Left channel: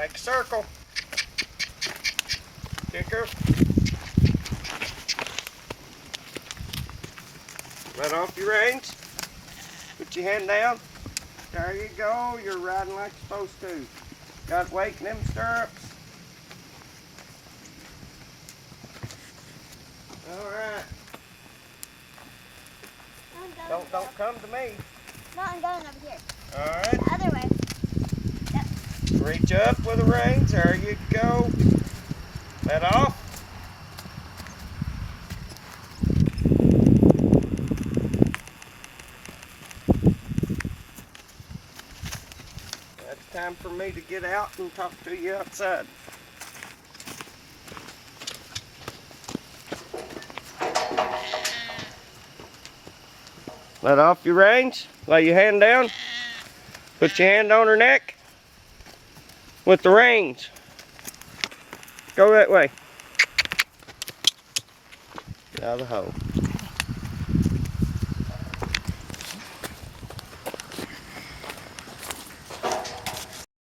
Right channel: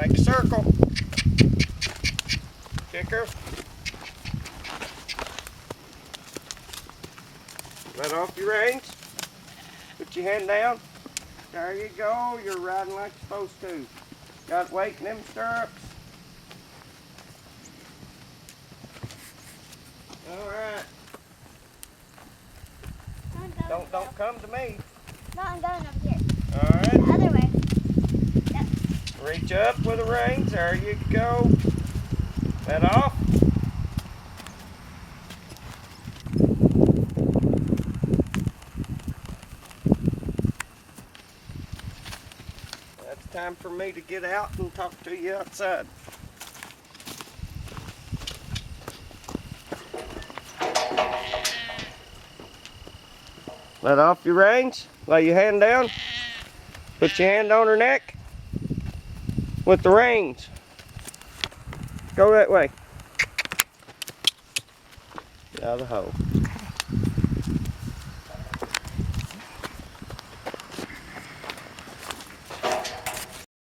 Make a circle. Kicker. Let off your reins. Put your hand down. There you go. You're riding like you're supposed to. Got weight in them stirrups. Alright. Don't come to me. No, I'm going over here. Alright. The other way. Yep. Reach up with the reins. There you go. Let off. That's time for me to get out and talk to you outside. Let off your reins. Lay your hand down. Put your hand on her neck with the reins. Go that way. Get out of the hole.